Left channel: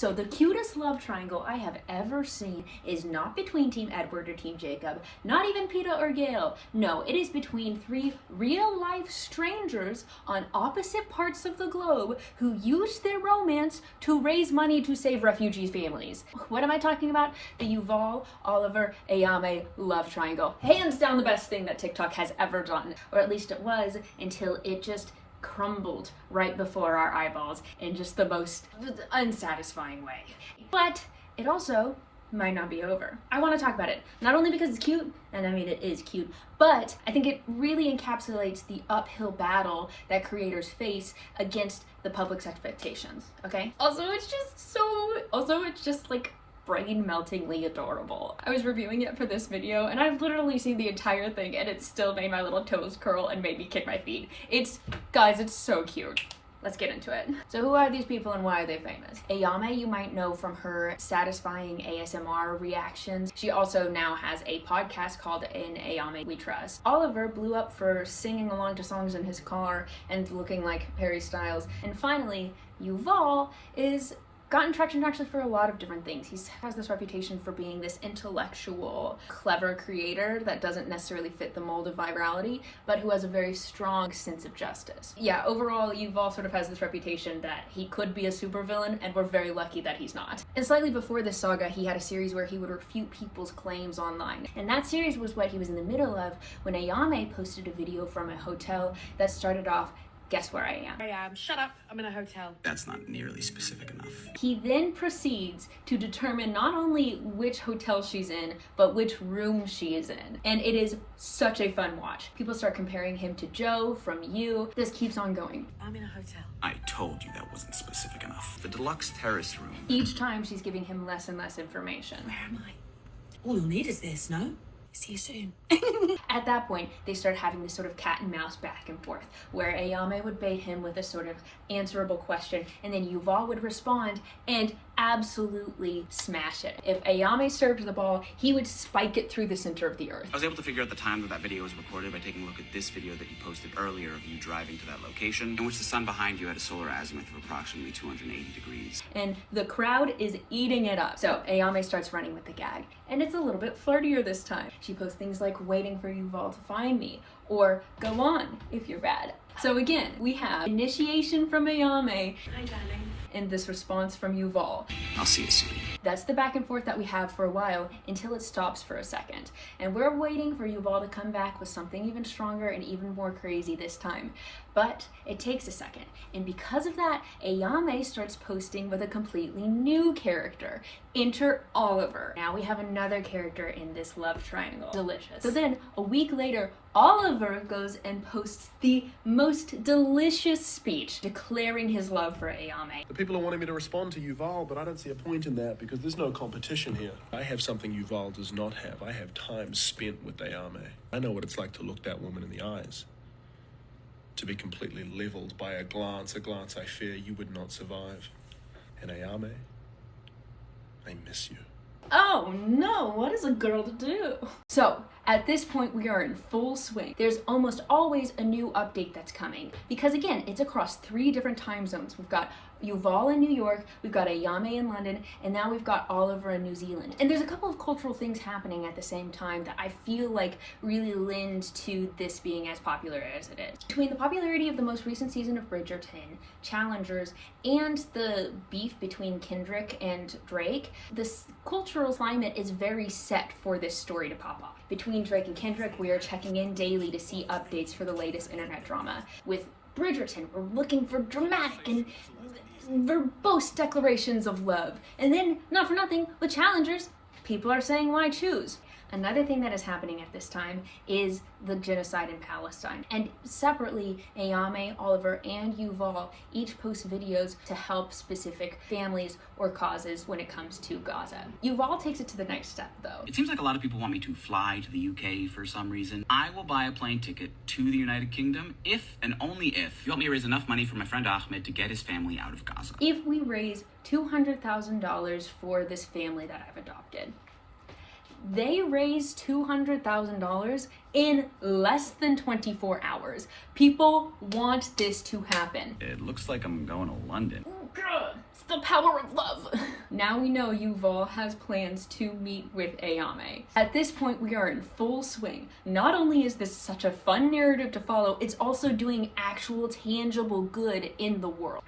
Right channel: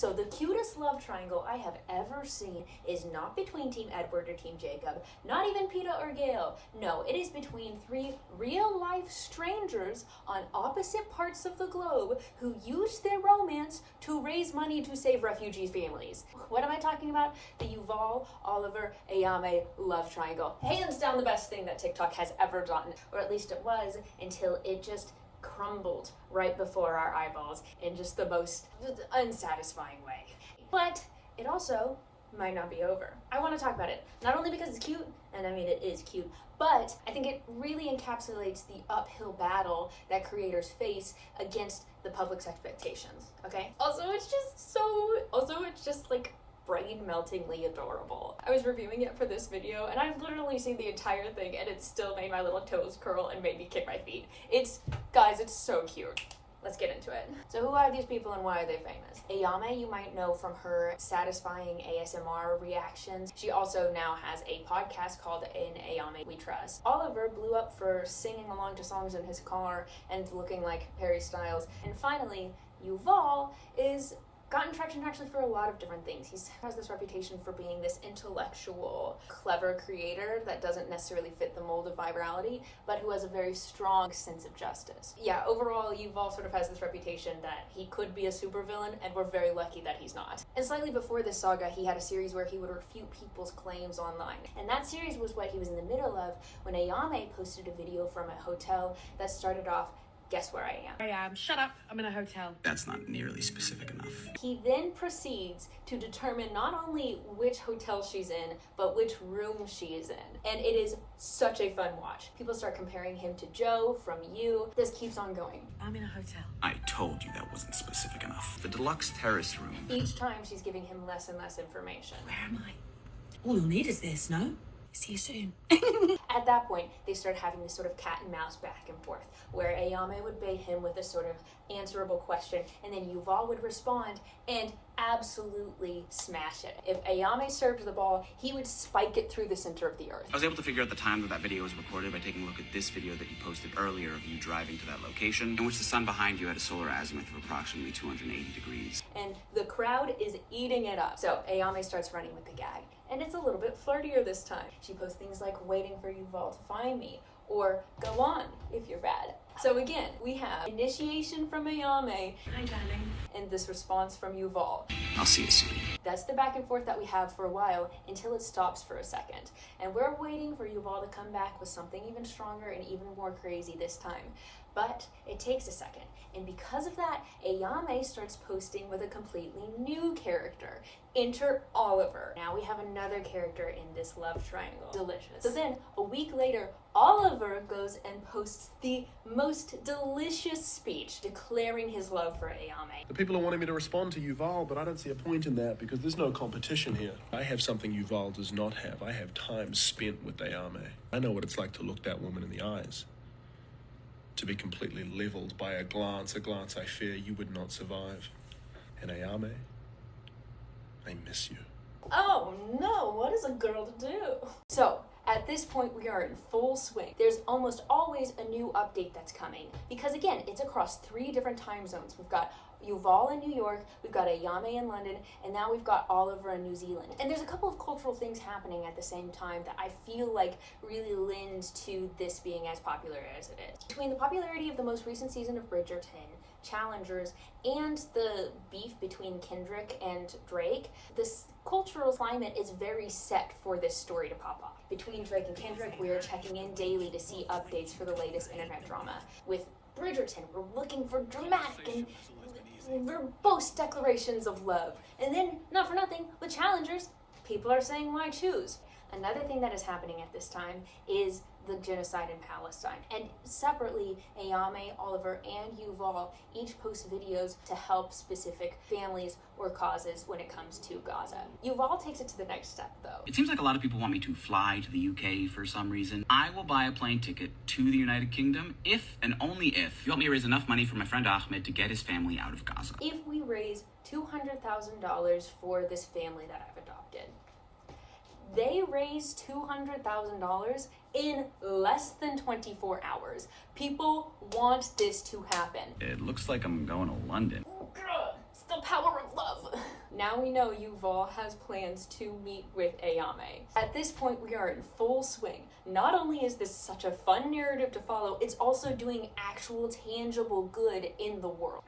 So the cutest love triangle I have ever seen is not between Team Edward or Team Jacob, not even Peeta or Gale. No, it is between three real-life strangers on opposite parts of the globe who used their romance to raise money to save refugee families. What am I talking about? The Yuval, Oliver, Ayame love triangle. Hands down the best thing that TikTok has ever done, or at least it was until it just crumbled right before our eyeballs in just the most unsatisfying way. But it also might not be over. I want to talk about it, not only because it's cute, and I mean it is cute, but I think it really encapsulates the uphill battle that creators face against the public's expectations, okay? Also, it's just like brain-meltingly adorable. I was reviewing it for this video and I've literally seen the entire thing and it still made my little toes curl and made me kick my feet. Guys, it's so cute. Let's get into it. So who are these people and why are they famous? Ayame, you might know from her satisfying ASMR reactions. She also now has a podcast called In Ayame We Trust. Oliver blew up for singing along to songs in his car and looking like Harry Styles. And finally, Yuval is gotten traction actually for a lot of different things. He has this reputation for being this intellectual, clever creator that doesn't necessarily fit the mold of virality, but who has a very strong sense of justice. Yeah, overall, Yuval sort of has this reputation that he could be a supervillain, and we're very lucky that he's not. And slightly before this saga, he had a series where he would refute people's claims online. And that series was what he was in the middle of when Ayame posted a video from a hotel that started off, "Guess where I am?" I am. Shut up. I'm in a hotel. That's not nearly specific enough. He then proceeds to determine not only which hotel she's in, but which room she is in. And it is such a fun watch. People start comparing him to Joe from You. This keeps on going. I'm in a hotel. I told you that wasn't specific enough. The deluxe terrace room. Each time she's giving him less and less information. Where am I? All you'll need is this, no? See you soon. At that point, they start having this sort of cat and mouse back and forth, where Ayame would bait him with a sort of answerable question, and then Yuval would respond and absolutely smash it. If Ayame served the ball, he would spike it through the center of the earth. I was able to figure out the time that video was recorded by taking a look at this video that you posted earlier of you driving to that location, in which the sun behind you had a solar azimuth of approximately 280 degrees. And the crowd is eating it up. So Ayame starts running with the gag. And it's a little bit flirtier this time. She posts things like, "Waiting for Yuval to find me," or "Go on if you're bad." So again, we have initiation from Ayame. Hi, darling. And this response from Yuval. I'll see you soon. That's the back and forth that we have for a while until it stops for a second. And we're waiting for Yuval to come back with something even stronger and even more crazy this time. But it takes a second. And because of that, Ayame starts posting with a completely new character. Enter Oliver. Now we have another character in this love triangle. Delicious. So then, a week later, Oliver goes and posts the most delicious speech declaring his love for Ayame. The people are wanting me to respond to Yuval, but I don't see a point in that because there's no competition here. I have something Yuval does not have. I have time spent with Ayame. I know what it's like to look that woman in the eyes. To be completely leveled by a glance I fear you would not survive. And Ayame, I miss you. Oh no, what is a girl to do? So, at this point, we are in full swing. There's almost always a new update that's coming. Because again, it's across 3 different time zones. We've got Yuval in New York, we've got Ayame in London, and now we've got Oliver in New Zealand. And there's a couple of cultural things happening at the same time that I feel like really lend to this being as popular as it is. Between the popularity of the most recent season of Bridgerton, Challengers, and the beef between Kendrick and Drake, this cultural climate is very set for this story to pop off. Between Drake and Kendrick, we are checking in daily to see updates for the latest internet drama. With Bridgerton, we're looking for dramatic and verbose declarations of love. And then, not for nothing, with Challengers, people are saying, "Why choose?" Another thing that is happening at this time is the genocide in Palestine. And separately, Ayame, Oliver, and Yuval each post videos to help specific families or causes when it comes to Gaza. Yuval takes it to the next step, though. It seems like a lot of people want me to fly to the UK for some reason. I will buy a plane ticket to the United Kingdom if and only if you help me raise enough money for my friend Ahmed to get his family out of Gaza. If we raise $200,000 for this family that I've adopted, they raised $200,000 in less than 24 hours. People want this to happen. It looks like I'm going to London. It's the power of love. now we know Yuval has plans to meet with Ayame. At this point, we are in full swing. Not only is this such a fun narrative to follow, it's also doing actual tangible good in the world.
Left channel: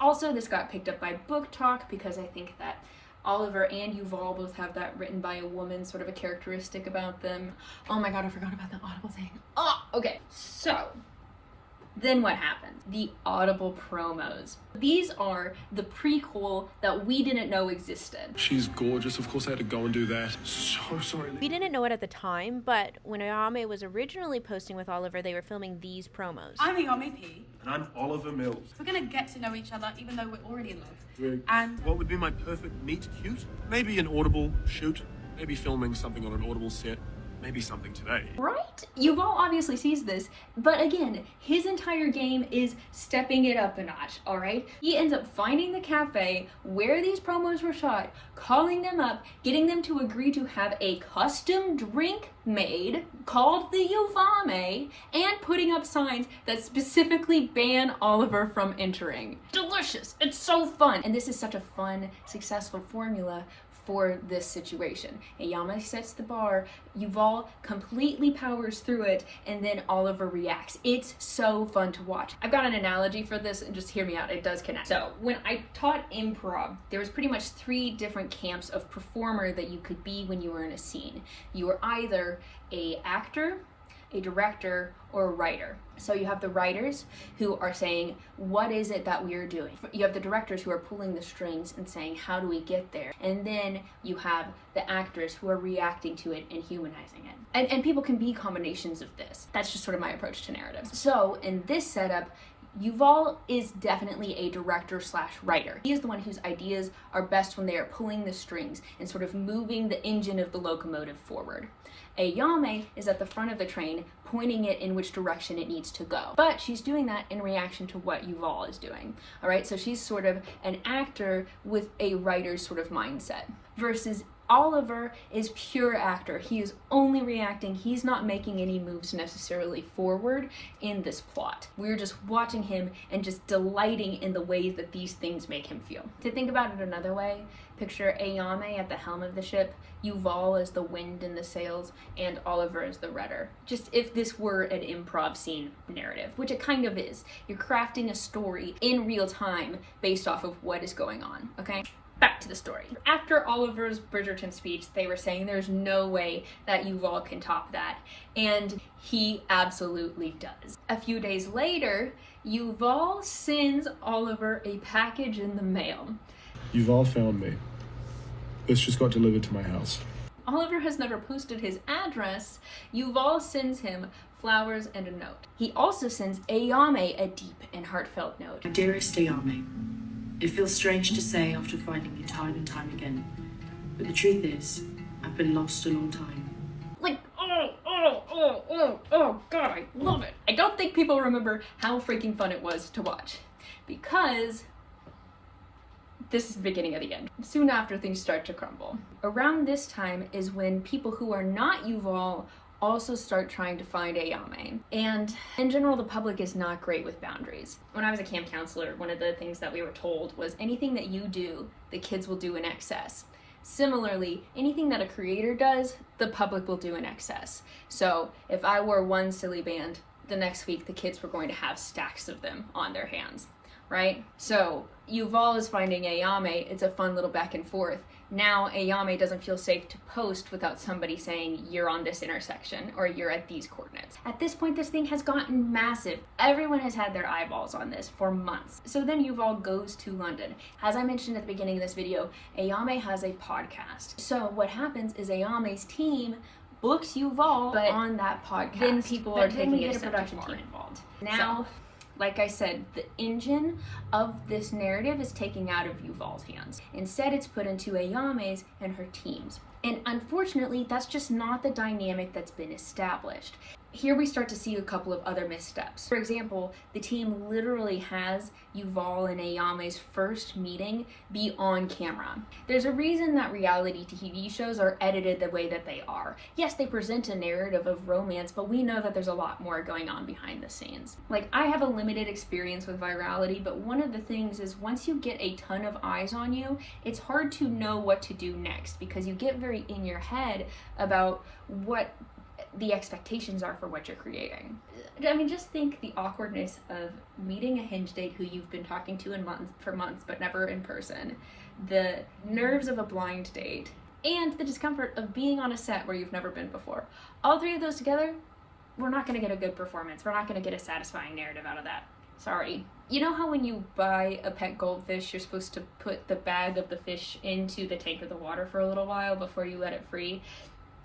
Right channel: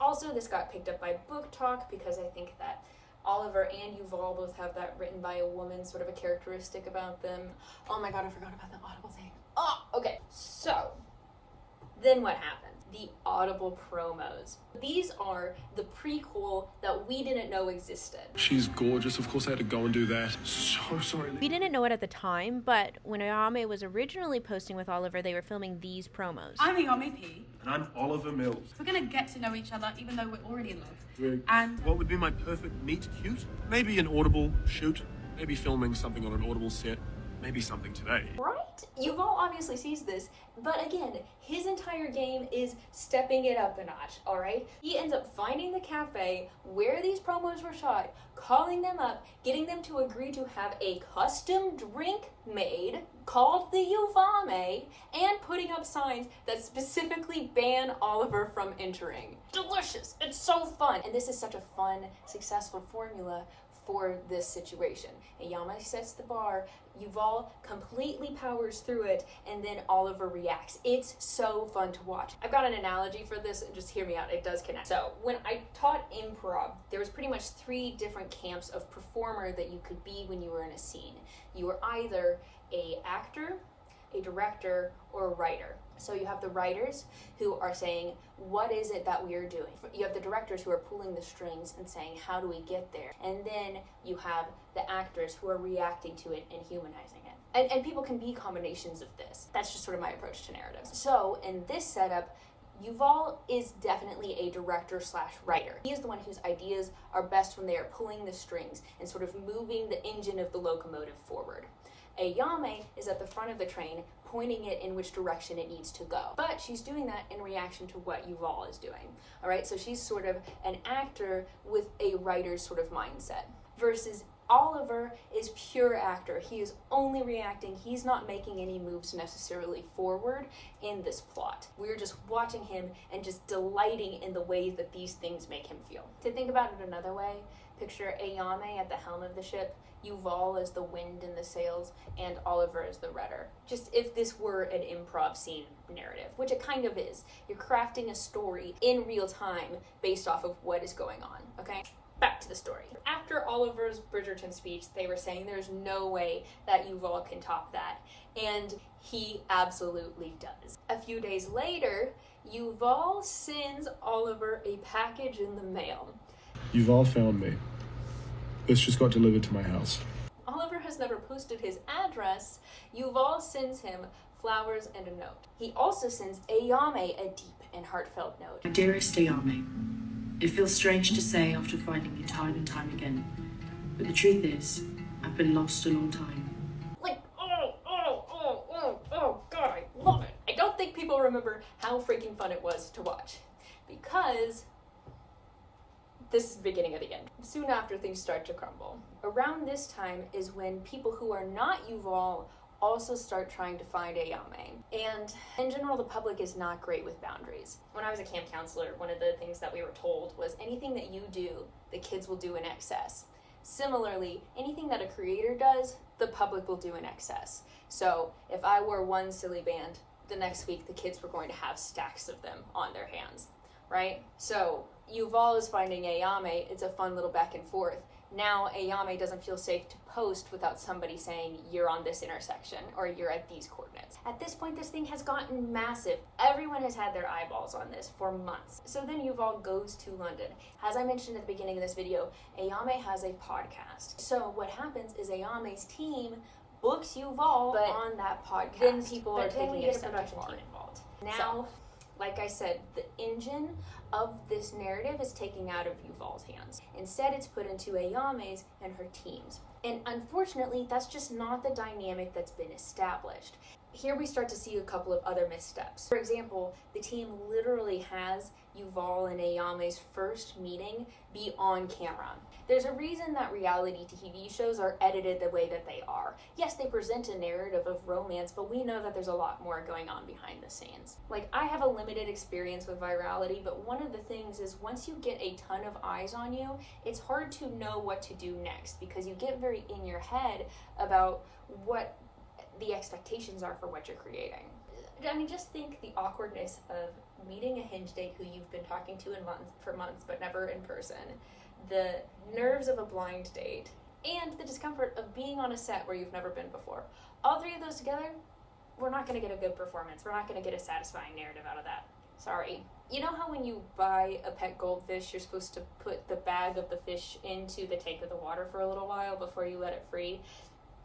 Also, this got picked up by Book Talk because I think that Oliver and Yuval both have that written by a woman, sort of a characteristic about them. Oh my god, I forgot about the Audible thing. Oh, okay. So, then what happens? The Audible promos. These are the prequel that we didn't know existed. She's gorgeous. Of course I had to go and do that. So sorry. We didn't know it at the time, but when Ayame was originally posting with Oliver, they were filming these promos. I'm Ayamé P. And I'm Oliver Mills. We're gonna get to know each other even though we're already in love. And what would be my perfect meet cute? Maybe an Audible shoot. Maybe filming something on an Audible set. Maybe something today. Right? Yuval obviously sees this, but again, his entire game is stepping it up a notch, alright? He ends up finding the cafe where these promos were shot, calling them up, getting them to agree to have a custom drink made called the Yuvame, and putting up signs that specifically ban Oliver from entering. Delicious! It's so fun! And this is such a fun, successful formula for this situation. Ayame sets the bar, Yuval completely powers through it, and then Oliver reacts. It's so fun to watch. I've got an analogy for this, and just hear me out, it does connect. So, when I taught improv, there was pretty much 3 different camps of performer that you could be when you were in a scene. You were either an actor, a director, or a writer. So you have the writers who are saying, what is it that we are doing? You have the directors who are pulling the strings and saying, how do we get there? And then you have the actors who are reacting to it and humanizing it. And people can be combinations of this. That's just sort of my approach to narrative. So in this setup, Yuval is definitely a director slash writer. He is the one whose ideas are best when they are pulling the strings and sort of moving the engine of the locomotive forward. Ayame is at the front of the train, pointing it in which direction it needs to go. But she's doing that in reaction to what Yuval is doing. All right, so she's sort of an actor with a writer's sort of mindset. Versus Oliver is pure actor. He is only reacting. He's not making any moves necessarily forward in this plot. We're just watching him and just delighting in the ways that these things make him feel. To think about it another way, picture Ayame at the helm of the ship, Yuval as the wind in the sails, and Oliver as the rudder. Just if this were an improv scene narrative, which it kind of is. You're crafting a story in real time based off of what is going on, okay? Back to the story. After Oliver's Bridgerton speech, they were saying there's no way that Yuval can top that, and he absolutely does. A few days later, Yuval sends Oliver a package in the mail. Yuval found me. This just got delivered to my house. Oliver has never posted his address. Yuval sends him flowers and a note. He also sends Ayame a deep and heartfelt note. My dearest Ayame, it feels strange to say after finding you time and time again, but the truth is, I've been lost a long time. Like, oh, God, I love it. I don't think people remember how freaking fun it was to watch, because this is the beginning of the end. Soon after, things start to crumble. Around this time is when people who are not Yuval also start trying to find Ayame. And in general, the public is not great with boundaries. When I was a camp counselor, one of the things that we were told was anything that you do, the kids will do in excess. Similarly, anything that a creator does, the public will do in excess. So if I wore one silly band, the next week the kids were going to have stacks of them on their hands, right? So Yuval is finding Ayame. It's a fun little back and forth. Now Ayame doesn't feel safe to post without somebody saying you're on this intersection or you're at these coordinates. At this point, this thing has gotten massive. Everyone has had their eyeballs on this for months. So then Yuval goes to London. As I mentioned at the beginning of this video, Ayame has a podcast. So what happens is Ayame's team books Yuval on that podcast. Then people are taking a production team involved. Now, like I said, the engine of this narrative is taking out of Yuval's hands. Instead, it's put into Ayame's and her team's. And unfortunately, that's just not the dynamic that's been established. here we start to see a couple of other missteps. For example, the team literally has Yuval and Ayame's first meeting be on camera. There's a reason that reality TV shows are edited the way that they are. Yes, they present a narrative of romance, but we know that there's a lot more going on behind the scenes. Like, I have a limited experience with virality, but one of the things is once you get a ton of eyes on you, it's hard to know what to do next because you get very in your head about what the expectations are for what you're creating. I mean, just think the awkwardness of meeting a Hinge date who you've been talking to for months but never in person, the nerves of a blind date, and the discomfort of being on a set where you've never been before. All three of those together, we're not going to get a good performance. We're not going to get a satisfying narrative out of that. Sorry. You know how when you buy a pet goldfish, you're supposed to put the bag of the fish into the tank of the water for a little while before you let it free?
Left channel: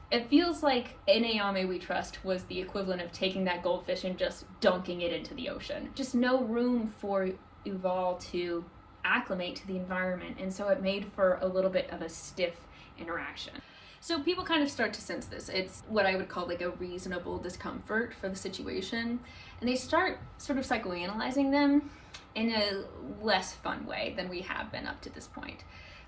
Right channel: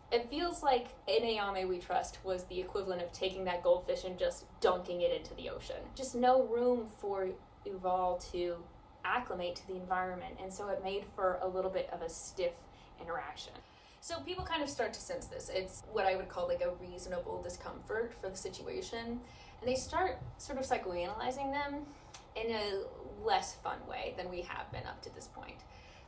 It feels like In Ayame We Trust was the equivalent of taking that goldfish and just dunking it into the ocean. Just no room for Yuval to acclimate to the environment, and so it made for a little bit of a stiff interaction. So people kind of start to sense this. It's what I would call like a reasonable discomfort for the situation, and they start sort of psychoanalyzing them in a less fun way than we have been up to this point.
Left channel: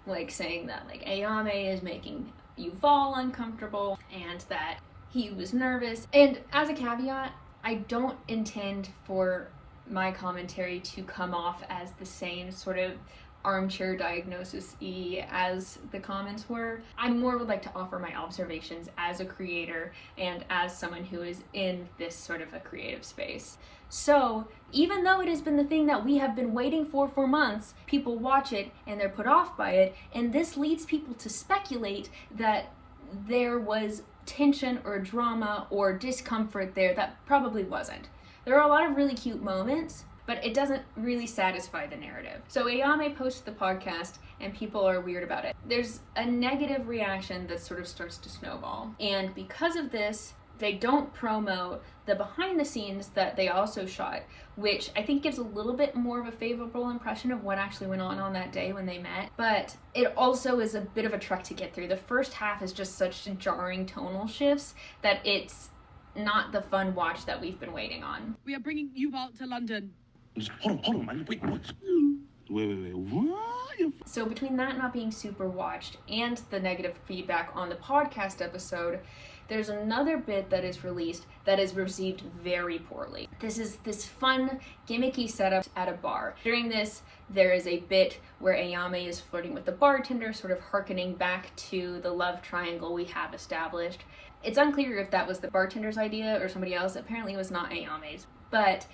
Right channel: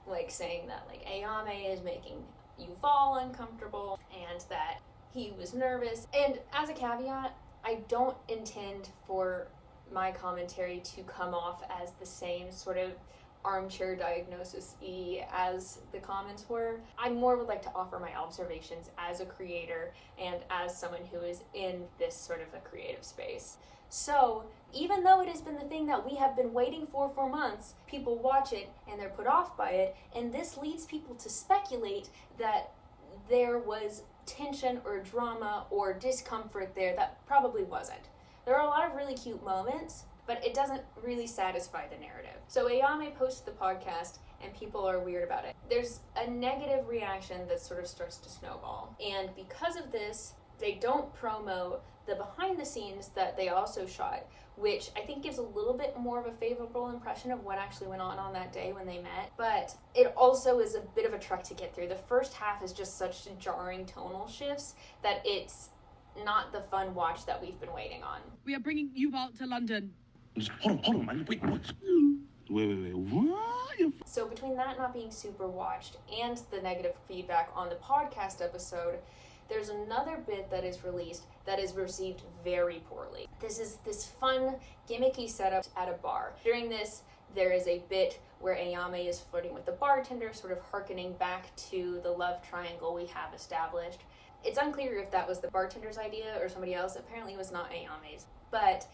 Like saying that like Ayame is making Yuval uncomfortable and that he was nervous. And as a caveat, I don't intend for my commentary to come off as the same sort of armchair diagnosis-y as the comments were. I more would like to offer my observations as a creator and as someone who is in this sort of a creative space. So even though it has been the thing that we have been waiting for months, people watch it and they're put off by it, and this leads people to speculate that there was tension or drama or discomfort there that probably wasn't. There are a lot of really cute moments, but it doesn't really satisfy the narrative. So Ayame posted the podcast and people are weird about it. There's a negative reaction that sort of starts to snowball. And because of this, they don't promo the behind the scenes that they also shot, which I think gives a little bit more of a favorable impression of what actually went on that day when they met. But it also is a bit of a trek to get through. The first half is just such jarring tonal shifts that it's not the fun watch that we've been waiting on. We are bringing Yuval to London. Hold on, man. Wait, what? Wait, what? So between that not being super watched and the negative feedback on the podcast episode, there's another bit that is released that is received very poorly. This is this fun, gimmicky setup at a bar. During this, there is a bit where Ayame is flirting with the bartender, sort of hearkening back to the love triangle we have established. It's unclear if that was the bartender's idea or somebody else. Apparently it was not Ayame's. But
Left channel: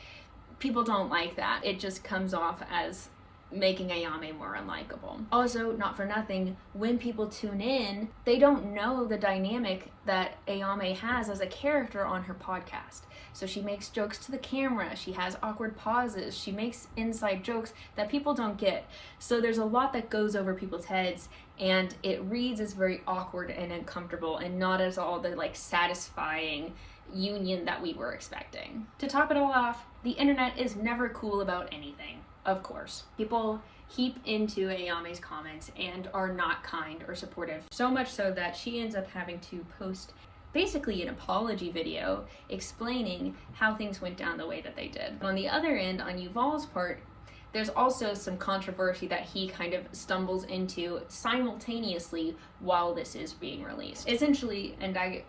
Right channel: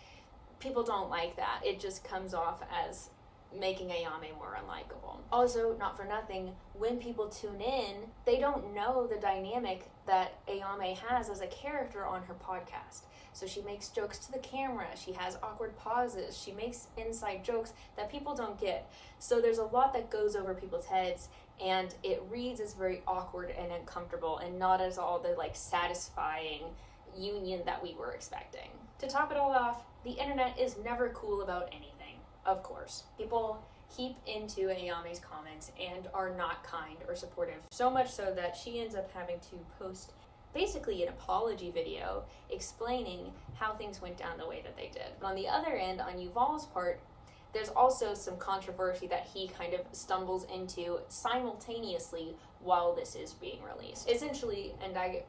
people don't like that. It just comes off as making Ayame more unlikable. Also, not for nothing, when people tune in, they don't know the dynamic that Ayame has as a character on her podcast. So she makes jokes to the camera, she has awkward pauses, she makes inside jokes that people don't get. So there's a lot that goes over people's heads, and it reads as very awkward and uncomfortable and not as all the like satisfying union that we were expecting. To top it all off, the internet is never cool about anything. Of course. People heap into Ayame's comments and are not kind or supportive. So much so that she ends up having to post basically an apology video explaining how things went down the way that they did. On the other end, on Yuval's part, there's also some controversy that he kind of stumbles into simultaneously while this is being released. Essentially, and I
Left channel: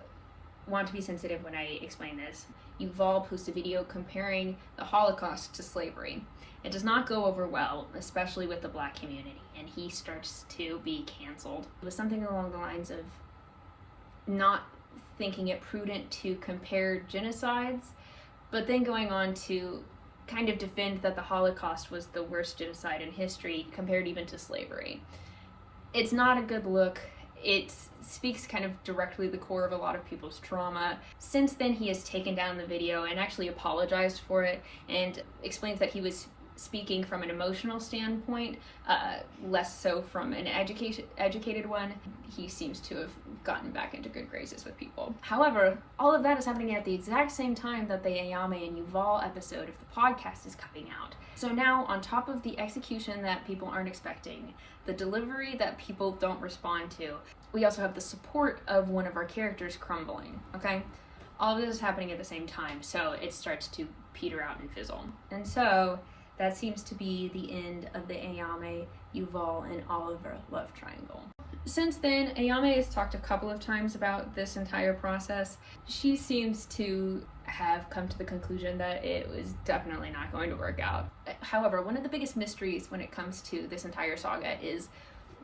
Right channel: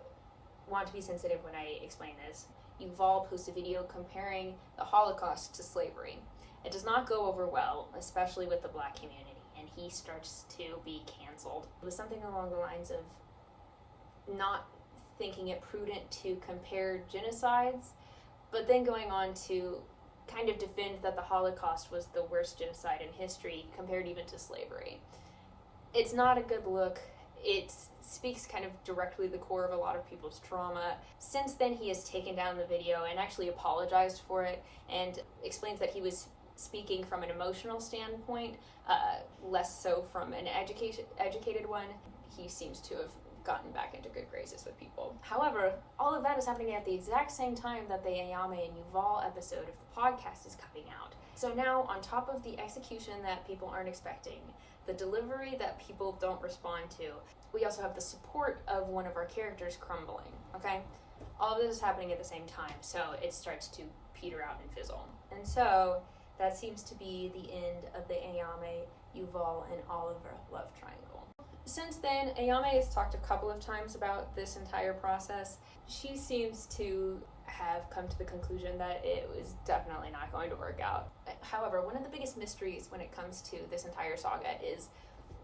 want to be sensitive when I explain this, Yuval posted a video comparing the Holocaust to slavery. It does not go over well, especially with the Black community, and he starts to be canceled. It was something along the lines of not thinking it prudent to compare genocides, but then going on to kind of defend that the Holocaust was the worst genocide in history, compared even to slavery. It's not a good look. It speaks kind of directly to the core of a lot of people's trauma. Since then, he has taken down the video and actually apologized for it and explains that he was speaking from an emotional standpoint, less so from an educated one. He seems to have gotten back into good graces with people. However, all of that is happening at the exact same time that the Ayame and Yuval episode of the podcast is coming out. So now, on top of the execution that people aren't expecting, the delivery that people don't respond to, we also have the support of one of our characters crumbling, okay? all of this is happening at the same time, so it starts to peter out and fizzle. And so that seems to be the end of the Ayame, Yuval, and Oliver love triangle. Since then, Ayame has talked a couple of times about this entire process. She seems to have come to the conclusion that it was definitely not going to work out. However, one of the biggest mysteries when it comes to this entire saga is,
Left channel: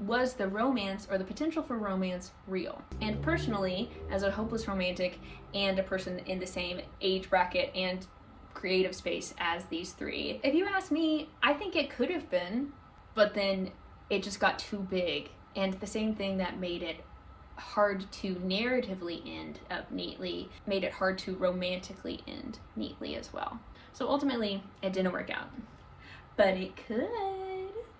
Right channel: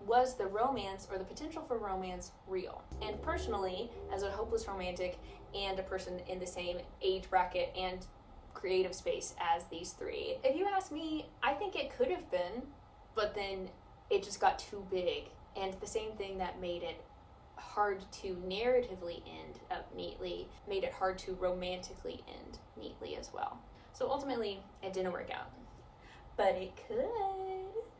was the romance or the potential for romance real? And personally, as a hopeless romantic and a person in the same age bracket and creative space as these three, if you ask me, I think it could have been, but then it just got too big. And the same thing that made it hard to narratively end up neatly made it hard to romantically end neatly as well. So ultimately, it didn't work out. But it could.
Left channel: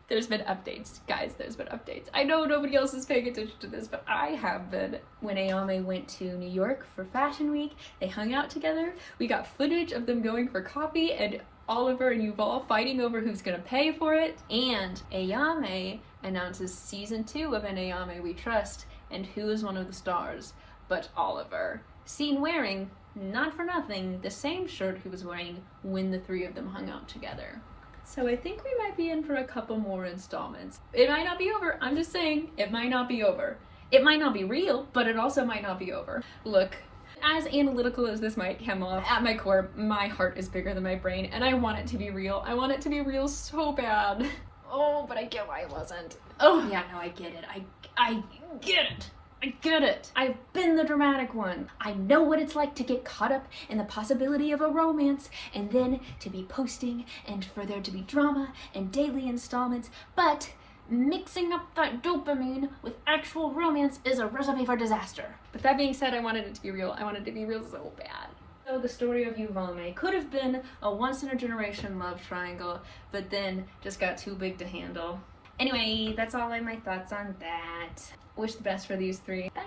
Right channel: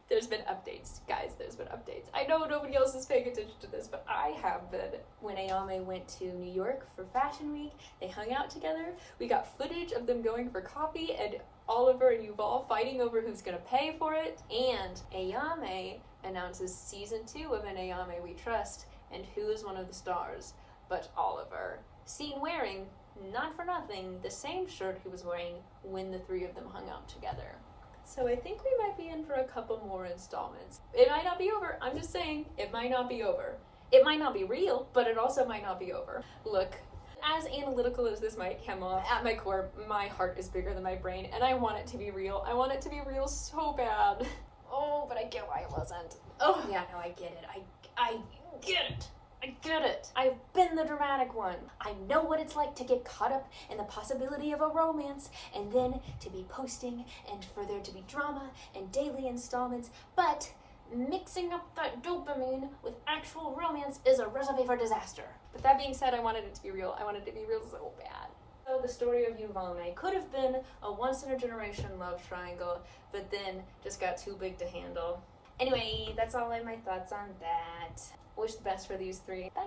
There's been updates, guys, there's been updates. I know nobody else is paying attention to this, but I have been. When Ayame went to New York for Fashion Week, they hung out together. We got footage of them going for coffee and Oliver and Yuval fighting over who's gonna pay for it. And Ayame announces season 2 of In Ayame We Trust, and who is one of the stars but Oliver, seen wearing, not for nothing, the same shirt he was wearing when the three of them hung out together. So I think we might be in for a couple more installments. It might not be over. I'm just saying, it might not be over. It might not be real, but it also might not be over. Look, as analytical as this might come off, at my core, my heart is bigger than my brain, and I want it to be real. I want it to be real so bad. Oh, but I get why it wasn't. Oh, yeah, no, I get it. I get it. I get it. I've been the dramatic one. I know what it's like to get caught up in the possibility of a romance and then to be posting and for there to be drama and daily installments, but mixing up that dopamine with actual romance is a recipe for disaster. But that being said, I wanted it to be real. I wanted it to be real so bad. So the story of Yuvame could have been a once-in-a-generation love triangle, but then just got too big to handle. Anyway, that's all my thoughts on that. Wish the best for these three. Bye!